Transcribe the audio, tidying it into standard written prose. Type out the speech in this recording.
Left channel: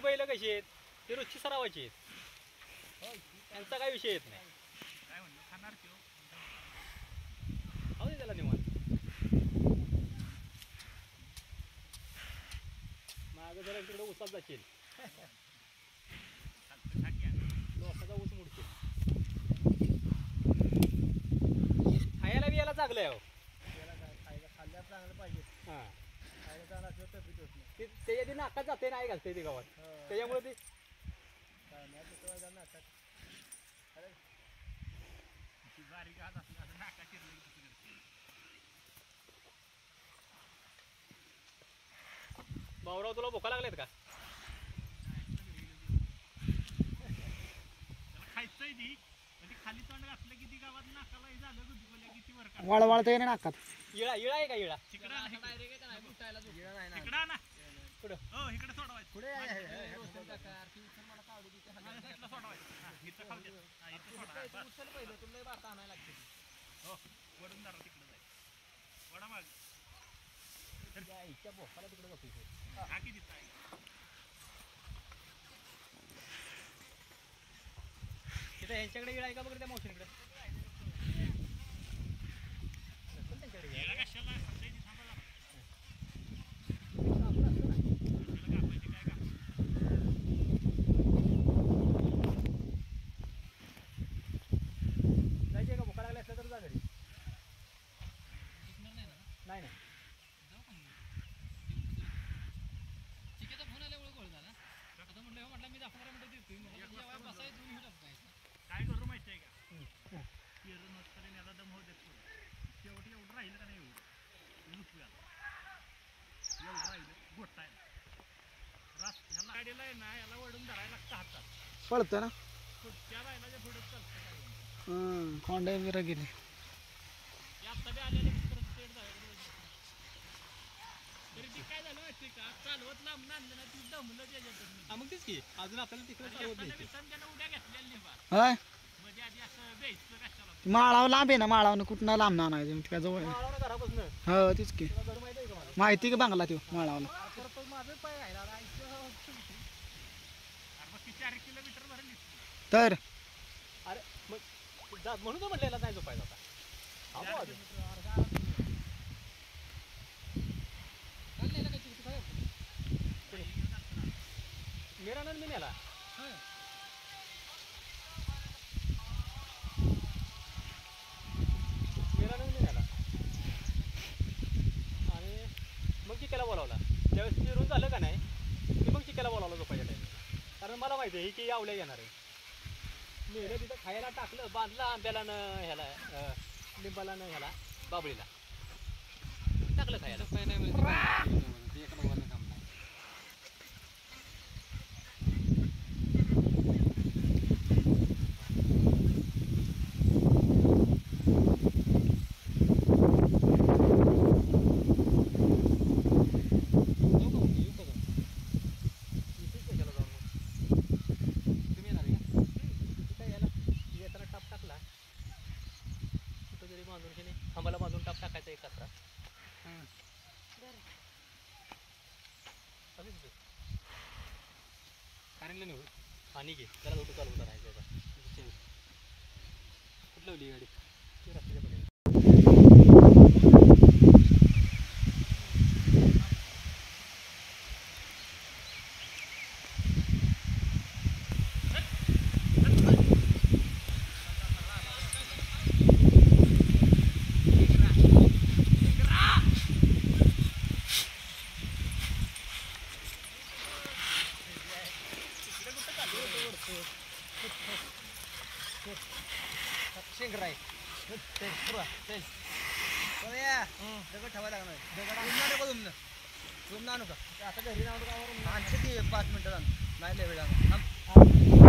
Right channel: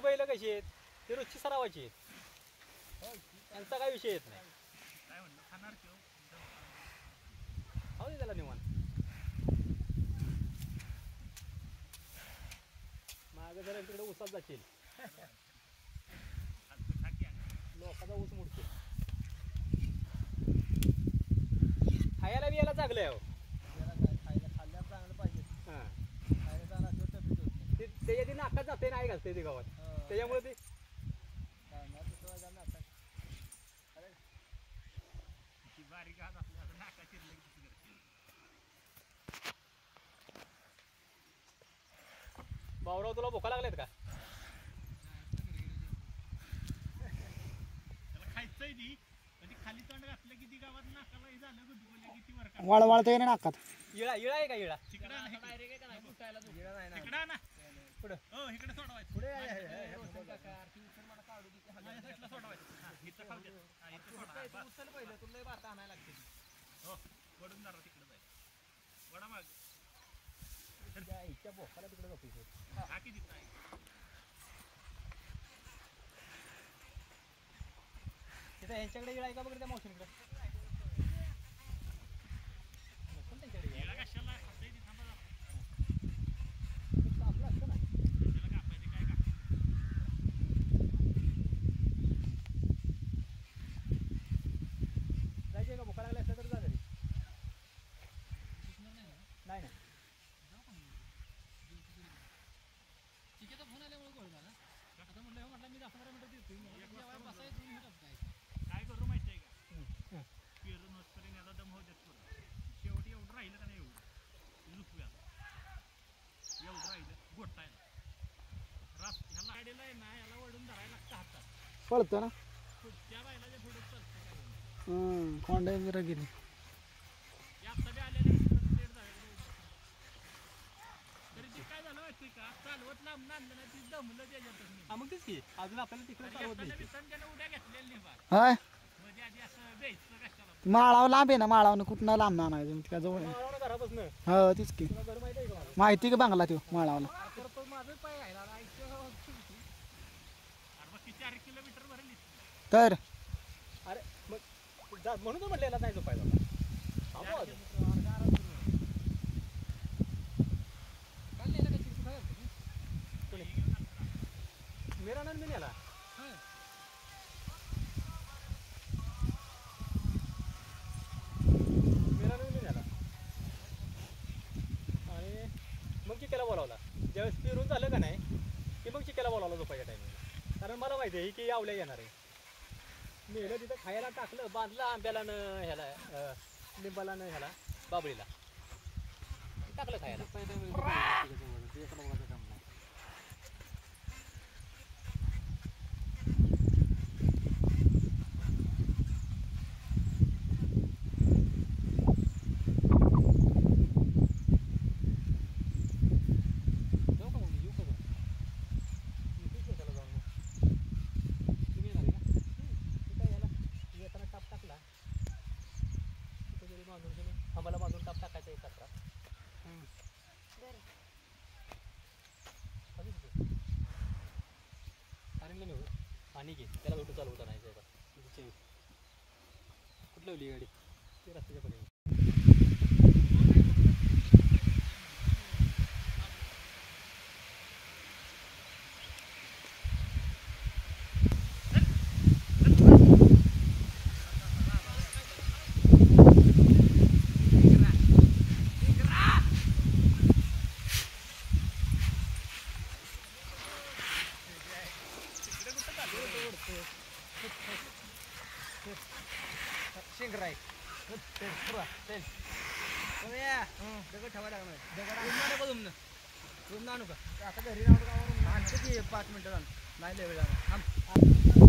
ही बैल कशी आहेत ती रोजची सरावाची आहेत त्यांचा काही विषय येत नाही हो त्याला निवांत मागं जरा तिकडे उसात जाशील लोकांचा ऊस मुडशील खायला बियाला चांगलं आहे खाल्ल्या चांगलं पाहिजे हां खायला चांगलं असलं तर त्याच्या ती नाकात जाते नाही घालते ते गावात त्याच्यामुळे ते बारीक हात असलं नाका चिरले भाऊराव तुला भोका लागलेत का त्याला खायचंय ती खाली तोंड घातलं की ती गावात नाकाला झालं किती वर वळवळतंय ना नाकात इळा इळा आहे का इळा तिकडं ना पुढं हो इकडे सोडवायचं पुढे वडून जरा तिकडे जायचं वडा माग इच्छा भोकाला तिकडे जातो टाकी तिथं तिथं ह्यांच्याकडे इळा आहे का बघ त्या मावशींकडे कशाला जायचे का भोका लागला असला तर जा घरी नाही नाही काय करू माहिती आहे का पेरून होतपर्यंत याचा दम होऊ देत पुढं शेवटी एवढं राहिलं का नाही एवढं लुकव्याला एवढं राहिलं गोटायला ह्याला गाडीला आहे ना याला वडून धरायला लागतं हातात पळतं ना त्या बायलाच्या पुढे चालतं कोंडे बिरा गेले आता बी आलेलं तरी ती काय झालं माहिती का चालवत लांब आणलं ना ती दमलं त्याच्यात मग तेच की अजून आपल्याला तिकडे चालवत नाही उड्या घेतलेली नाही बा होय म्हणजे आधी असं द्यायचं कशाला माळावर लांब आहे ना माळावनं कुठनं लांब आणायचं काय जवळ आहे. घरापासून हो तीच की घर माहिती आहे का मला माहिती का बांगला तो माळावनं तो माझं पाय राहिला मग ती 4 किलोमीटर भरली तर अरे मग म्हणून तो म्हटलेला नाही जो पाहिजे मेरा नन मी नेला मेरा नन मी नेला आणि मग चिक्याला बोलावला ज्यावेळेस फिरून झालं का नाही की मग चिक्याला बोलावला झोपायच्या टाईम कारण मला माहिती आहे की आवल्या येणार आहे नेलं तिथं खायला टाकलं बांधलं आंब्याला न ह्याला लिंबाला न ह्याला बाबळीला टाकलं खायला खांबाला बांधून टाप टाकायचा एक कचरा आणि घे त्याला दोटं चालवता नाही कुठलं गाडी रस्त्याच्या पडली शेंगराय दगड ठेवा लागणार दगड नको आता घरी राहून 5 मिनिटं नाही लय वेळ